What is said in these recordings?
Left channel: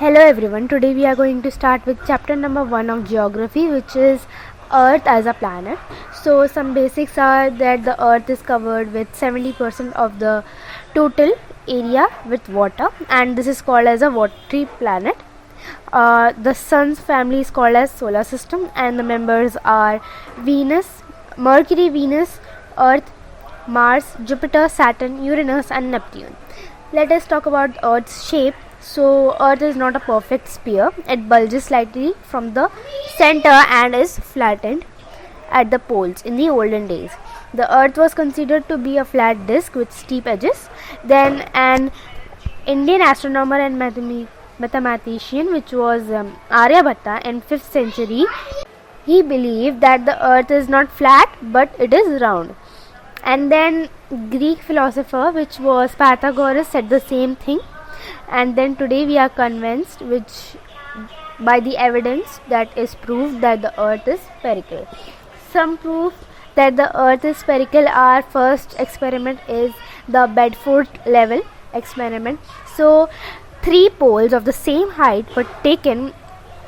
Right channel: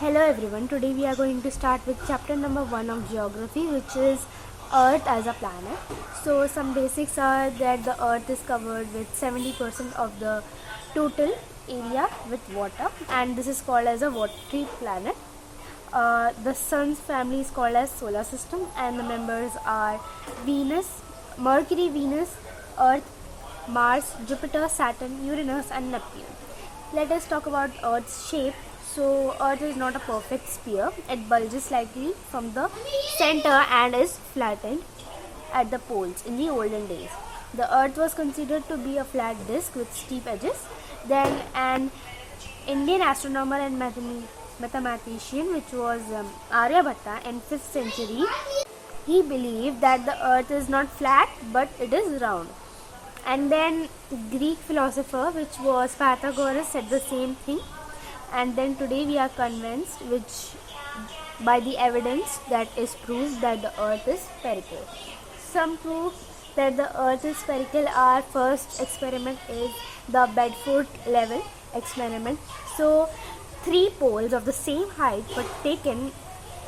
Hello everyone, today we are going to start with chapter number 1 of geography, which is Earth as a planet. So some basics are that the Earth is covered with 70% of the total area with water, and this is called as a watery planet. The sun's family is called as solar system, and the members are Venus, Mercury, Venus, Earth, Mars, Jupiter, Saturn, Uranus and Neptune. Let us talk about Earth's shape. So Earth is not a perfect sphere. It bulges slightly from the center and is flattened at the poles in the olden days. The Earth was considered to be a flat disk with steep edges. Then an Indian astronomer and mathematician, which was Aryabhatta in 5th century, he believed that the Earth is not flat but it is round. And then Greek philosopher, which was Pythagoras, said the same thing. And then today we are convinced, which by the evidence that is proved that the Earth is spherical. Some proof that the Earth is spherical, our first experiment is the Bedford level experiment. So 3 poles of the same height were taken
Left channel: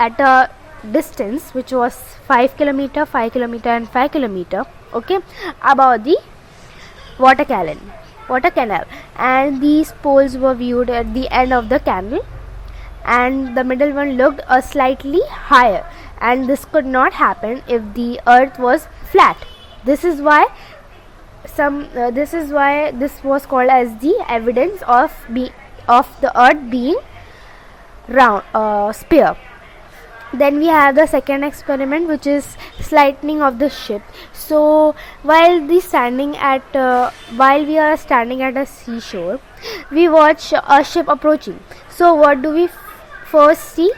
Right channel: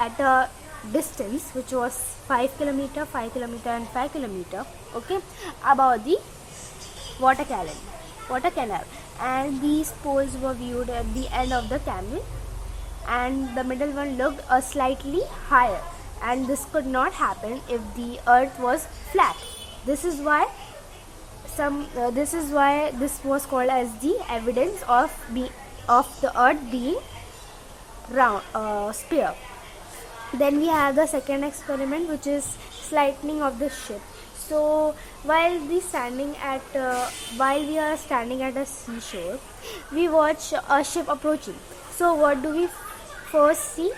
at a distance which was 5 kilometer, 5 kilometer and 5 kilometer, okay, above the water canal, and these poles were viewed at the end of the canal, and the middle one looked a slightly higher, and this could not happen if the Earth was flat. This is why this was called as the evidence of the Earth being round, sphere. Then we have the second experiment, which is slightening of the ship. So while we are standing at a seashore, we watch a ship approaching. So what do we first see?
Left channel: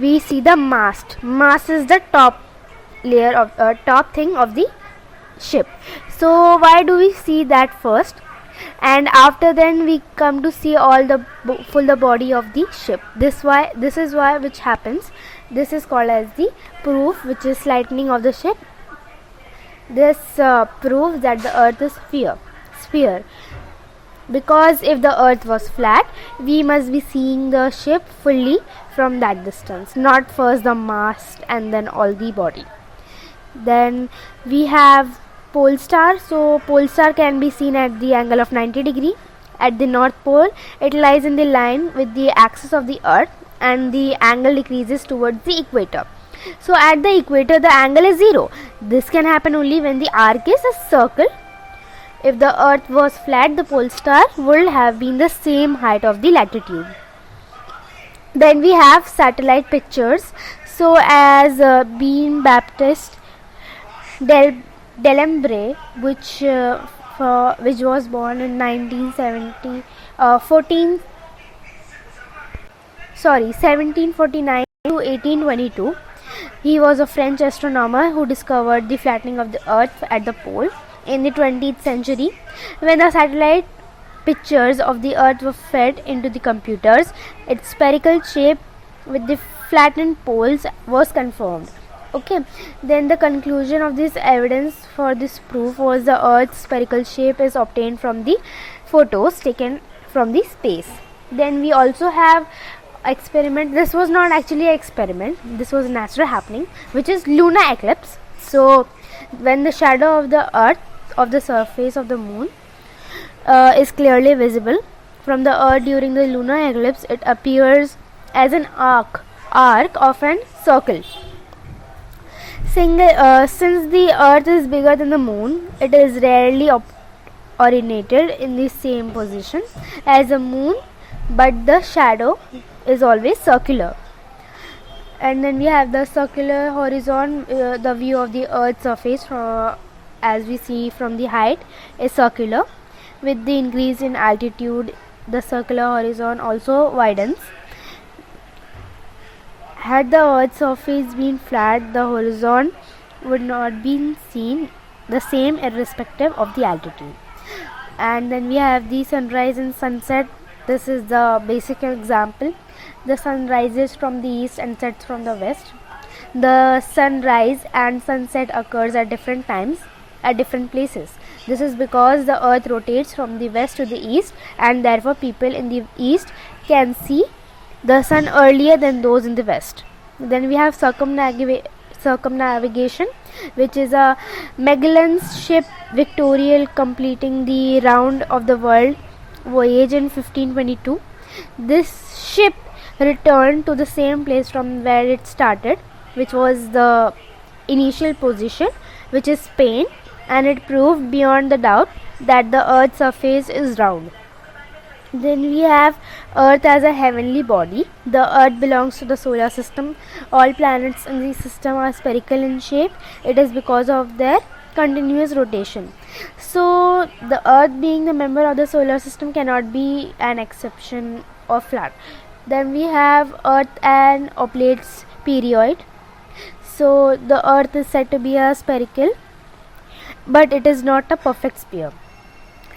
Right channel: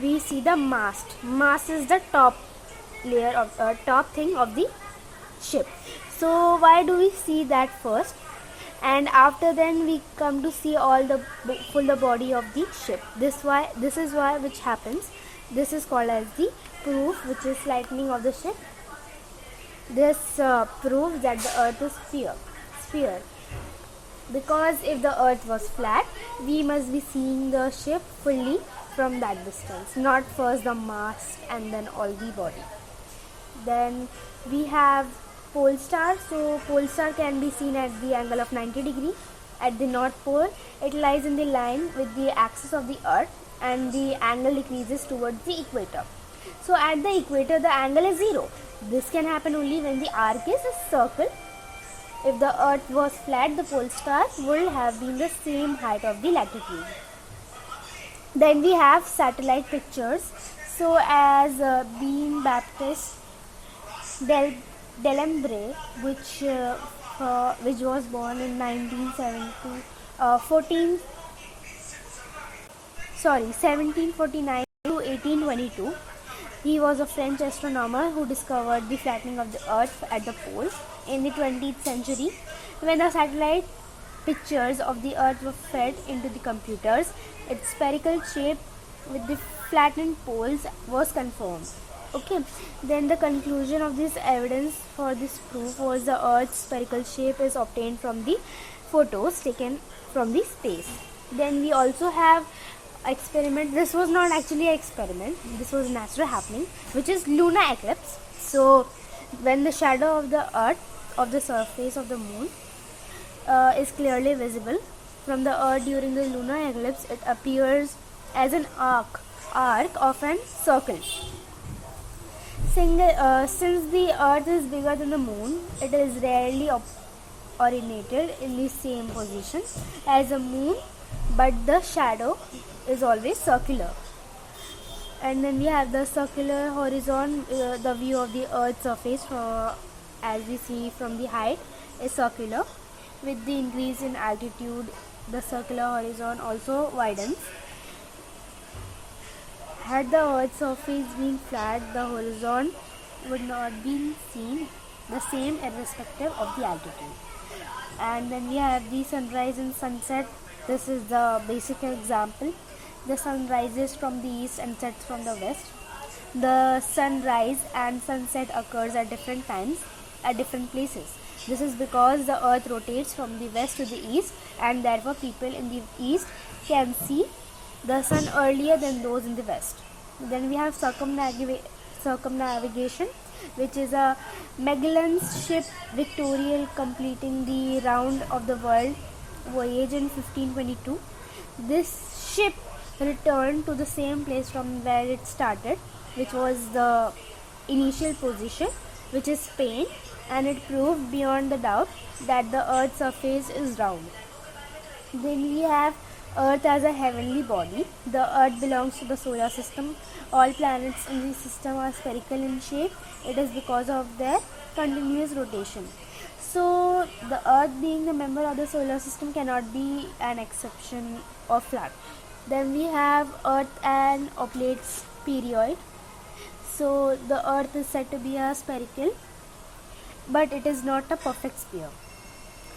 We see the mast. Mast is the top layer of top thing of the ship. So why do we see that first? And after then we come to see all the full body of the ship. This is why which happens. This is called as the proof, which is lightening of the ship. This proves that the Earth is sphere. Because if the Earth was flat, we must be seeing the ship fully from that distance, not first the mast and then all the body. Then we have pole star. So pole star can be seen at the angle of 90 degree. At the north pole, it lies in the line with the axis of the Earth, and the angle decreases towards the equator. So at the equator the angle is 0. This can happen only when the arc is a circle. If the Earth was flat, the pole star would have been the same height of the latitude. Then we have satellite pictures. So as Jean Baptiste Delambre, which was born in 1749 to 1822. He was a French astronomer who discovered the flattening of the Earth at the poles in the 20th century. When the satellite pictures of the Earth were fed into the computers, its spherical shape with the flattened poles was confirmed. Okay, then the conclusion of this evidence for this proof was the Earth's spherical shape is obtained from the photos taken from the space. Then we also have experiment. This was not actually an experiment, this was a natural happening, which is lunar eclipse. So when the shadow of the Earth of the surface of the moon is clearly visible from the Earth during the lunar eclipse, it appears as an arc of an circle. Since the Earth is bigger than the moon, it is rarely originated in the same position as the moon, but the shadow is always circular. And then we have the circular horizon. The view of the Earth's surface, as we see from the height, is circular. With the increase in altitude, the circular horizon also widens. Had the Earth's surface been flat, the horizon would not be seen the same irrespective of the altitude. And then we have the sunrise and sunset. This is the basic example. The sun rises from the east and sets from the west. The sunrise and sunset occurs at different times at different places. This is because the Earth rotates from the west to the east, and therefore people in the east can see the sun earlier than those in the west. Then we have circumnavigation, which is a Magellan's ship Victorial completing the round of the world voyage in 1522. This ship returned to the same place from where it started, which was the initial position, which is Spain, and it proved beyond the doubt that the earth's surface is round. Then we have Earth as a heavenly body. The Earth belongs to the solar system. All planets in the system are spherical in shape. It is because of their continuous rotation. So the Earth, being the member of the solar system, cannot be an exception or flat. Then we have Earth and oblates perioid. So the Earth is said to be a spherical, but it is not a perfect sphere.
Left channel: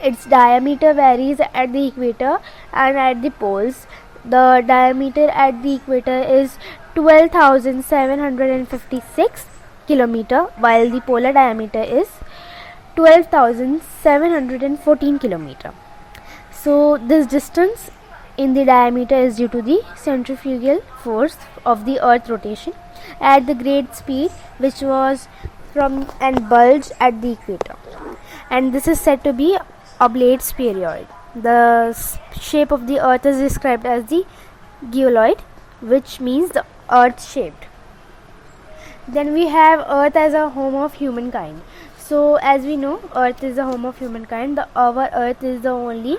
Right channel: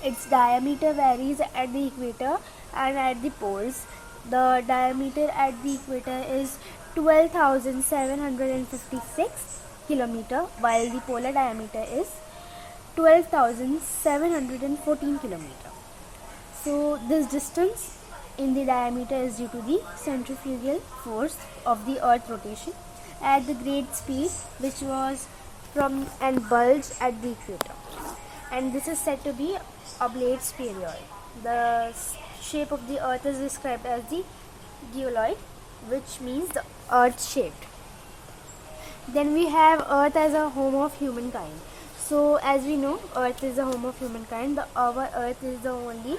Its diameter varies at the equator and at the poles. The diameter at the equator is 12,756 kilometer, while the polar diameter is 12,714 kilometer. So this distance in the diameter is due to the centrifugal force of the Earth rotation at the great speed, which was from and bulge at the equator. And this is said to be oblates perioid. The shape of the Earth is described as the geoloid, which means the Earth shaped. Then we have Earth as a home of humankind. So as we know, Earth is the home of humankind. Our Earth is the only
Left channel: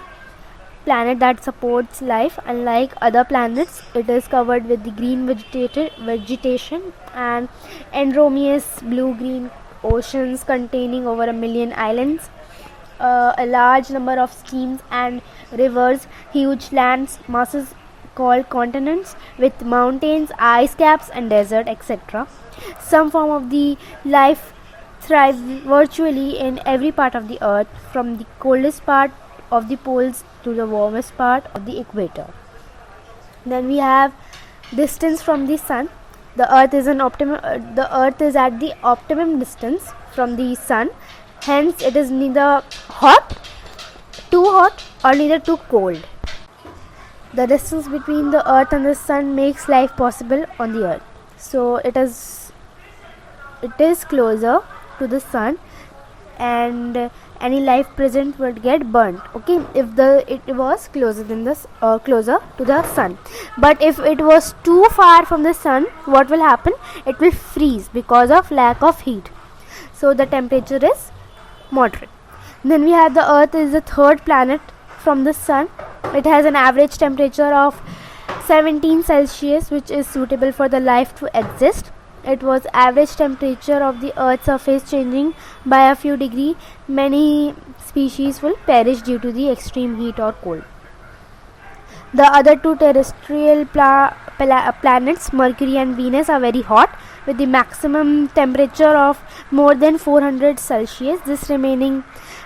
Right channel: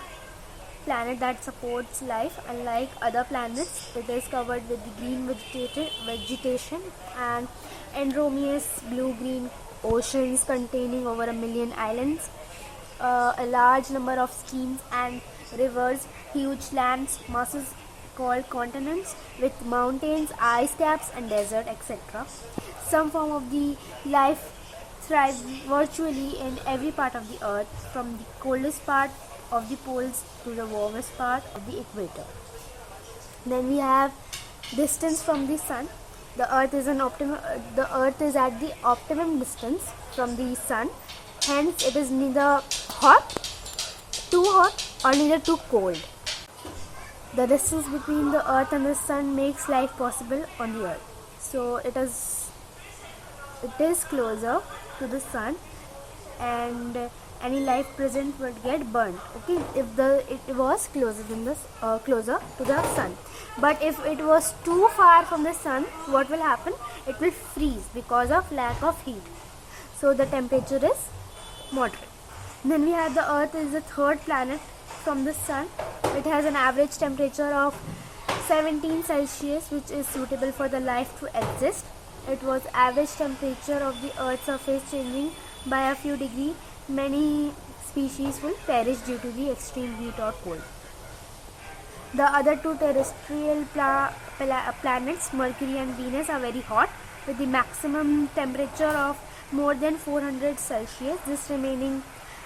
planet that supports life. Unlike other planets, it is covered with the green vegetation and enormous blue-green oceans containing over 1 million islands, a large number of streams and rivers, huge land masses called continents with mountains, ice caps and desert, etc. Some form of the life thrive virtually in every part of the earth, from the coldest part of the poles to the warmest part of the equator. Then we have distance from the sun. The earth is at the optimum distance from the sun. Hence, it is neither too hot or neither too cold. The distance between the earth and the sun makes life possible on the earth. So it is closer to the sun, and any life present would get burnt. Okay, if it was closer to the sun. But if it was too far from the sun, what will happen? It will freeze because of lack of heat. So the temperature is moderate. Then we have the Earth is the third planet from the sun. It has an average temperature of 17 Celsius, which is suitable for the life to exist. It was average temperature of the Earth's surface changing by a few degrees. Many species will perish due to the extreme heat or cold. The other two terrestrial planets, Mercury and Venus, are very hot with the maximum temperature of more than 400 Celsius. This remaining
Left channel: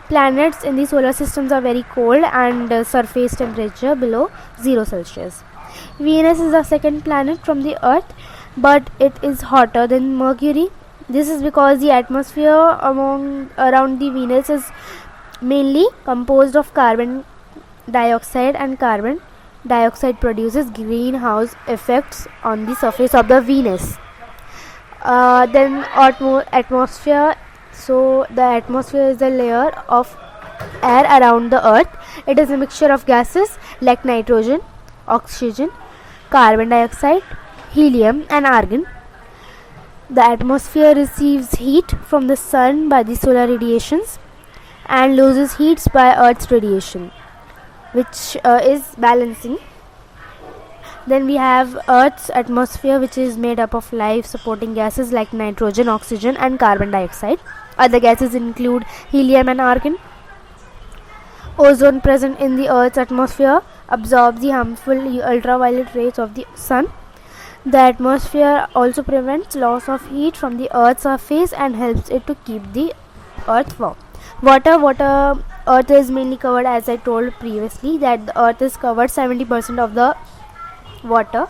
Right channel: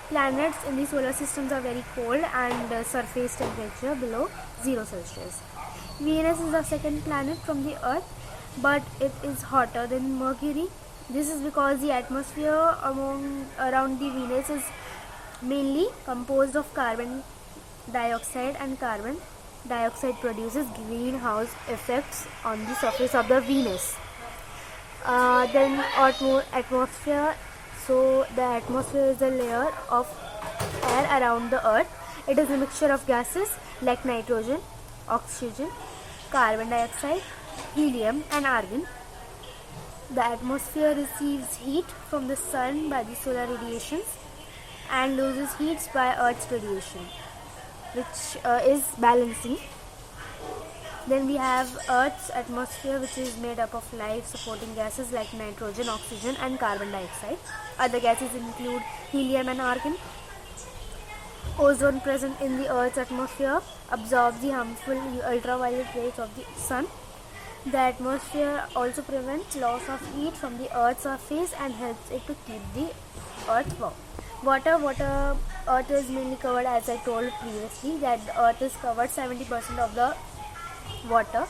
planets in the solar systems are very cold and surface temperature below 0 Celsius. Venus is the second planet from the Earth, but it is hotter than Mercury. This is because the atmosphere around the Venus is mainly composed of carbon dioxide, and carbon dioxide produces greenhouse effects on the surface of the Venus. Then atmosphere. So the atmosphere is a layer of air around the earth. It is a mixture of gases like nitrogen, oxygen, carbon dioxide, helium and argon. The atmosphere receives heat from the sun by the solar radiations and loses heat by earth's radiation, which is balancing. Then we have Earth's atmosphere, which is made up of life supporting gases like nitrogen, oxygen and carbon dioxide. Other gases include helium and argon. Ozone present in the Earth's atmosphere absorbs the harmful ultraviolet rays of the sun. The atmosphere also prevents loss of heat from the Earth's surface and helps it to keep the Earth warm. Water. Earth is mainly covered, as I told previously, that the Earth is covered 70% of the water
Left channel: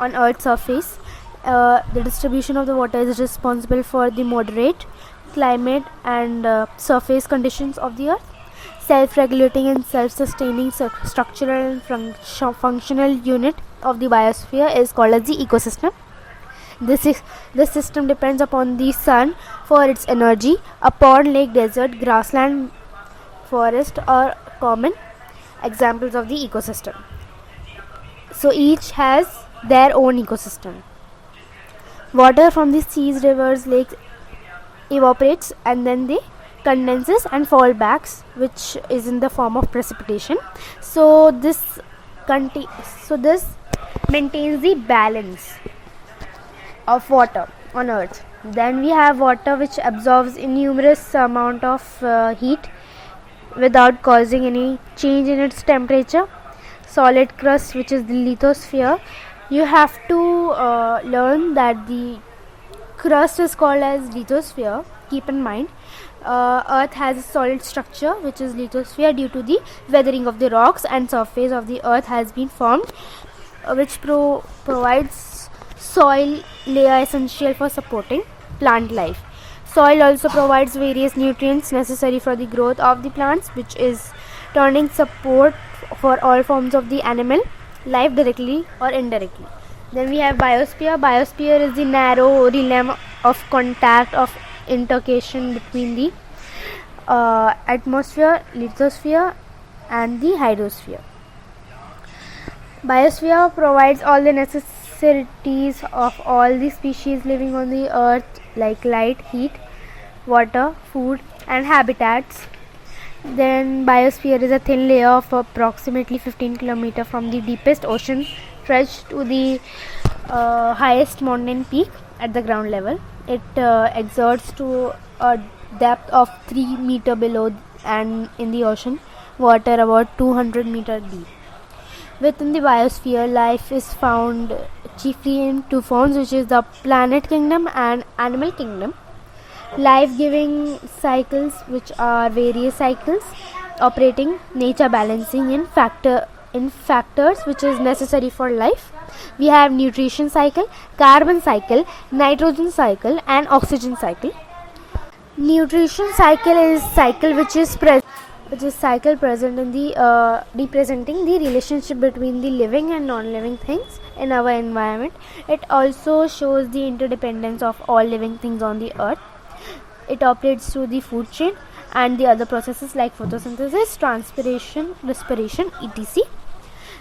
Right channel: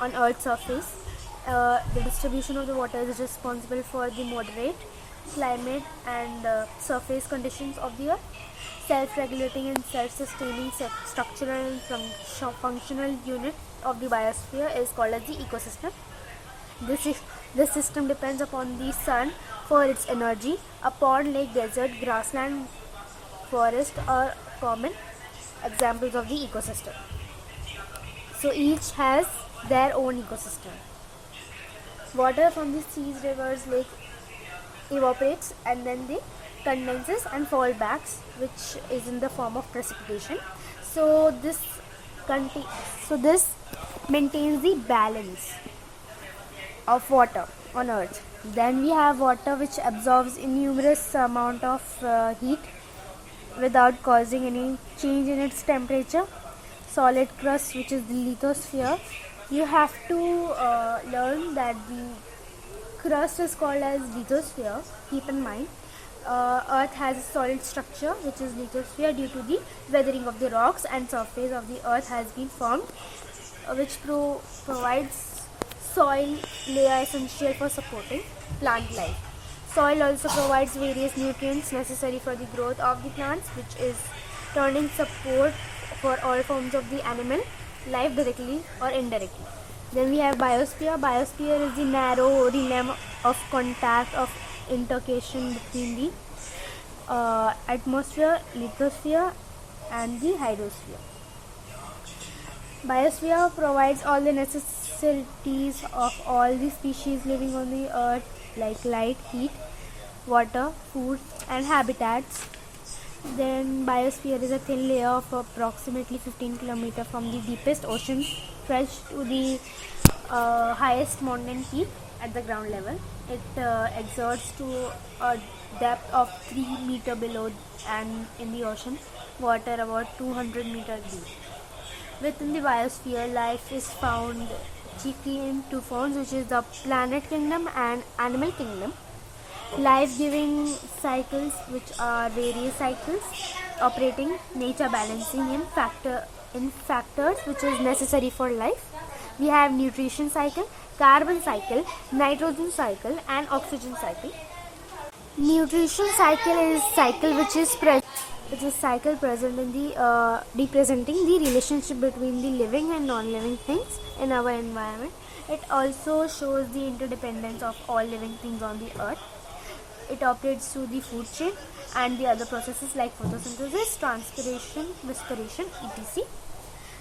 on Earth's surface. The distribution of the water is responsible for the moderate climate and surface conditions of the Earth. Self-regulating and self-sustaining structural and functional unit of the biosphere is called as the ecosystem. This system depends upon the sun for its energy. A pond, lake, desert, grassland, forest are common examples of the ecosystem. So each has their own ecosystem. Water from the seas, rivers, lakes evaporates and then they condenses and fall back, which is in the form of precipitation. So this maintains the balance of water on earth. Then we have water which absorbs enormous amount of heat without causing any change in its temperature. Solid crust, which is the lithosphere. You have to learn that the crust is called as lithosphere. Keep in mind, earth has a solid structure which is lithosphere due to the weathering of the rocks, and surface of the earth has been formed which provides soil layer essential for supporting plant life. Soil also provides various nutrients necessary for the growth of the plants, which is turning support for all forms of the animal life directly or indirectly. Then we have biosphere. Biosphere is the narrow realm of contact of intercation between the atmosphere, lithosphere and the hydrosphere. Biosphere provides all the necessities of all the species living on the earth, like light, heat, water, food and habitats. Then biosphere is a thin layer of approximately 15 km from the deepest ocean stretched to the highest mountain peak at the ground level. It exerts to a depth of 3 meter below and in the ocean water about 200 meter deep. Within the biosphere, life is found chiefly in two forms, which is the planet kingdom and animal kingdom. Life-giving cycles, which are various cycles operating, nature balancing in factors which is necessary for life. We have nutrition cycle, carbon cycle, nitrogen cycle and oxygen cycle. Nutrition cycle is cycle which is cycle present in the representing the relationship between the living and non-living things in our environment. It also shows the interdependence of all living things on the earth. It operates through the food chain and the other processes like photosynthesis, transpiration, respiration, etc.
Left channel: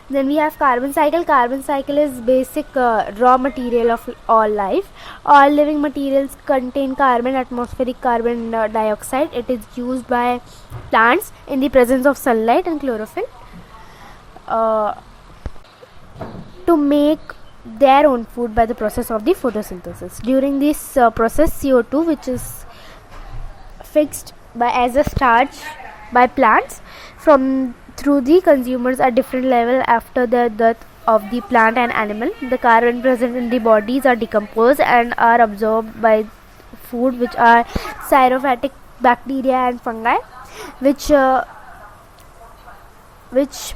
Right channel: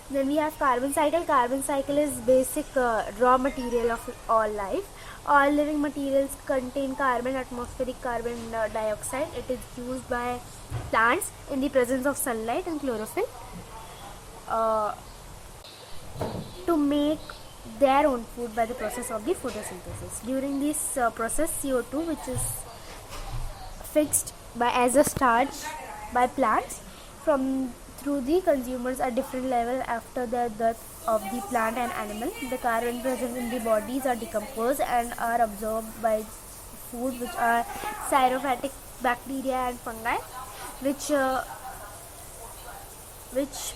Then we have carbon cycle. Carbon cycle is basic raw material of all life. All living materials contain carbon, atmospheric carbon dioxide. It is used by plants in the presence of sunlight and chlorophyll to make their own food by the process of the photosynthesis. During this process, CO2, which is fixed as a starch by plants through the consumers at different level after the death of the plant and animal. The carbon present in the bodies are decomposed and are absorbed by food, which are xerophatic bacteria and fungi, which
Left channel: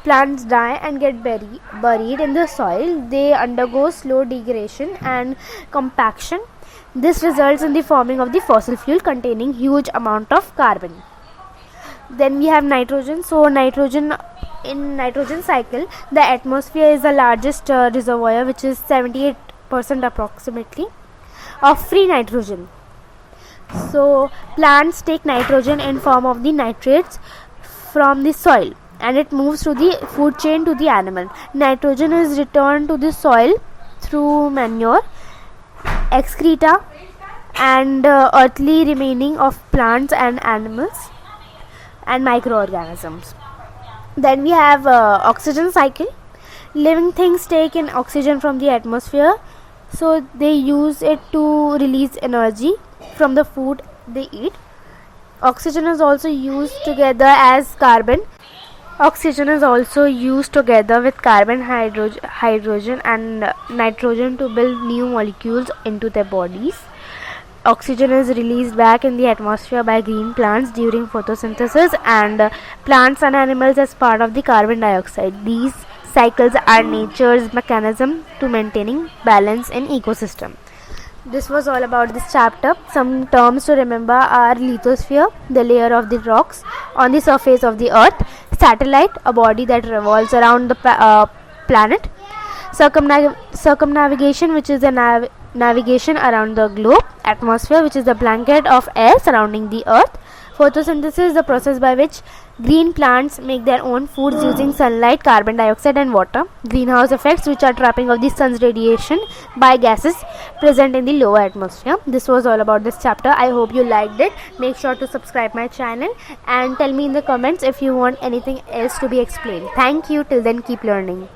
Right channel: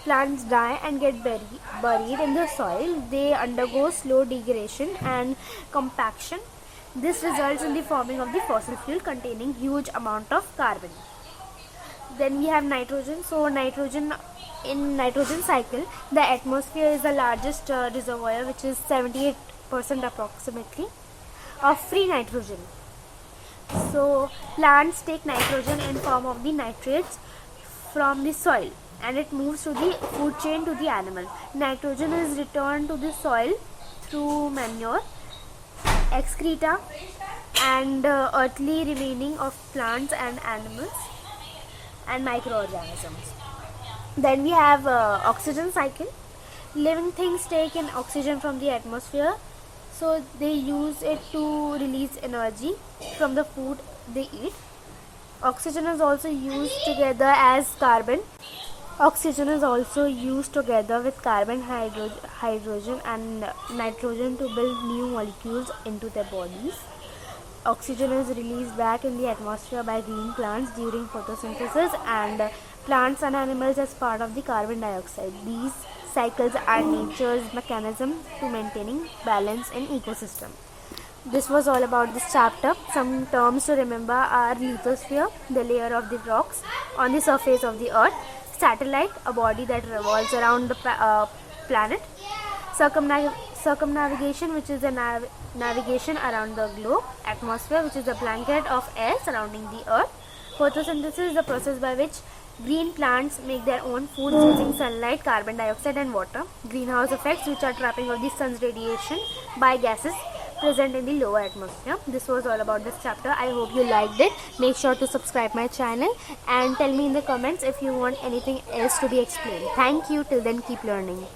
plants die and get buried in the soil. They undergo slow degradation and compaction. This results in the forming of the fossil fuel containing huge amount of carbon. Then we have nitrogen. So in nitrogen cycle, the atmosphere is the largest reservoir, which is 78% approximately of free nitrogen. So plants take nitrogen in form of the nitrates from the soil and it moves through the food chain to the animal. Nitrogen is returned to the soil through manure, excreta and earthly remaining of plants and animals and microorganisms. Then we have oxygen cycle. Living things take in oxygen from the atmosphere, so they use it to release energy from the food they eat. Oxygen is also used together as carbon. Oxygen is also used together with carbon, hydrogen and nitrogen to build new molecules into their bodies. Oxygen is released back in the atmosphere by green plants during photosynthesis and plants and animals as part of the carbon dioxide. These cycles are nature's mechanism to maintaining balance in ecosystem. This was all about this chapter. Some terms to remember are lithosphere, the layer of the rocks on the surface of the earth; satellite, a body that revolves around the planet; Circumnavigation, which is the navigation around the globe. Atmosphere, which is the blanket of air surrounding the earth. Photosynthesis, the process by which green plants make their own foods using sunlight, carbon dioxide and water. Greenhouse effects, which are trapping of the sun's radiation by gases present in the lower atmosphere. This was all about this chapter. I hope you liked it. Make sure to subscribe my channel and tell me in the comments if you want anything else to be explained. Thank you. Till then, keep learning.